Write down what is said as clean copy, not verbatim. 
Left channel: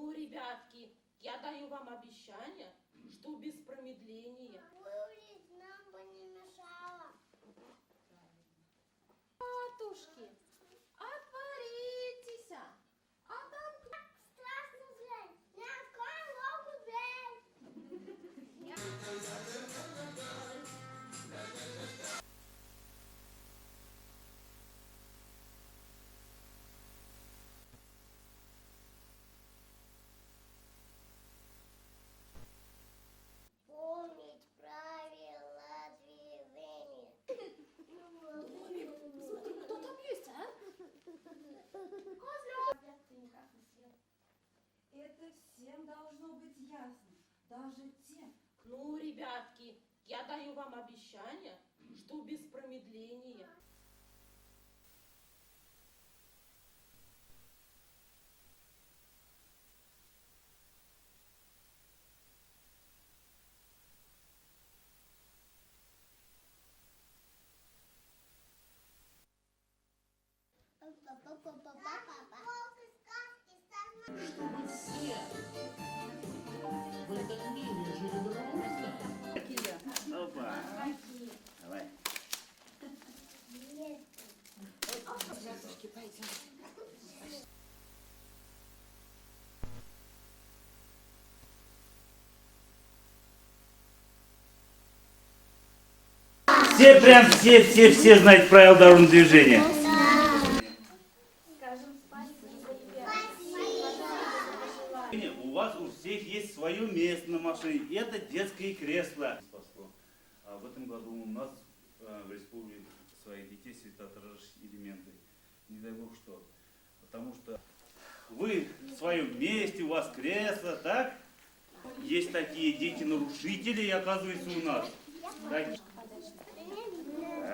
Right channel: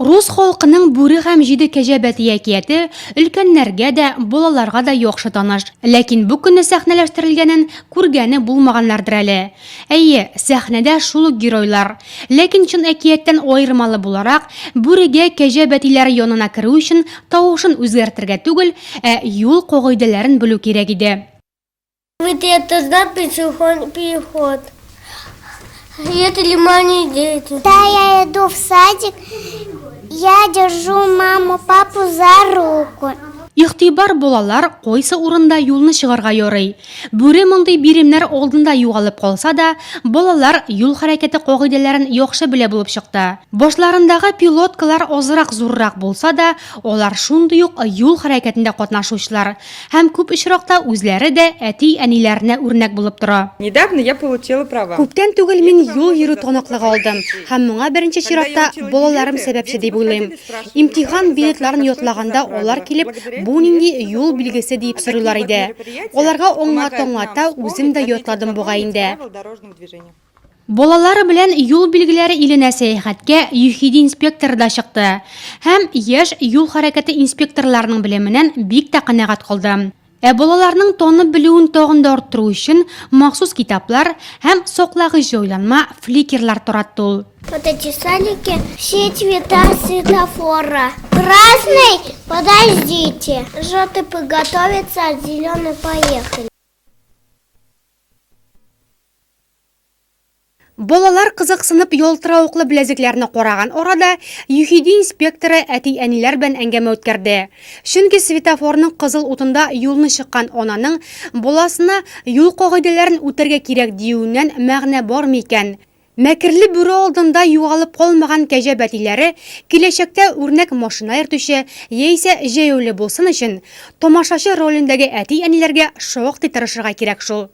Рус халкының бүре һәм җиде кәҗә бәти әкияте өлкәннәргә дә, балаларга да яхшы таныш. Ләкин бу көнне сәхнәләштерелгәнен күргәне булмаганнардыр әле. Әйе, сәхнәдә шул ук геройлар. Ләкин чын әкияттән аермалы буларак, бүрегә кәҗә бәтиләре янына керү өчен тавышын үзгәртергә түгел, юл кагыйдәләрен белү кирәк иде. Вот это знак переход. Это лимонные дети. Да, я иду в садик, я держу маму, папу за руку. Ихтибар балалар кайсы урында юлны чыгарга ярый. Бүре мондый биремнәр алдында югалып калса да, балалар юл хәрәкәте кагыйдәләрен яхшы белә булып чыкты. Башларындагы пилоткалар азрак зуррак булса да, алар шундый ук юл хәрәкәтендә катнашучылар һәм күп очракта үзләре дә әти-әниләренә үрнәк булып тора. Недавно я получила права. Күптән түгел мин юл йөрү таныклыгы алдым һәм моңа беренче чиратта балаларым сәбәпче дип уйлыйм. Имтихан билетларын ятлаганда алар килеп, бу нинди юл билгесе дип сорыйлар иде. Аларга аңлата үзем дә ятладым бугай инде. Балалары белән юл билгеләре иленә сәяхәткә ЮХИДИ инспекторы да чыкты һәм яшь юл хәрәкәте инспекторларының белеменнән бик тә канәгать калды. Балаларның танып белүен тагын да арттыру өчен махсус китаплар һәм саклагыч җайланма фликерлар таратты ул. Вот эти садики, все цвета светофора. Красный, подождите. Желтый, приготовиться, а зеленый, поехали. Все знают правила дорожного движения. Балалар кызыксынып ялтыравыклы беләзекләрне караган арада ЮХИДИ инспекторы әти-әниләр белән әңгәмә үткәрде. Чөнки светофорның кызыл утында юлны чыккан ананың баласына юл кагыйдәләрен үтәргә кирәк диюеннән мәгънә бар микән? Мәкерле бүре алдында югалып калмаган кәҗә бәтиләре киләчәктә үрнәк машина йөртүче яисә җәяүле булсын өчен тамашачы ролендәге әти-әниләргә шактый тырышырга кирәк шул.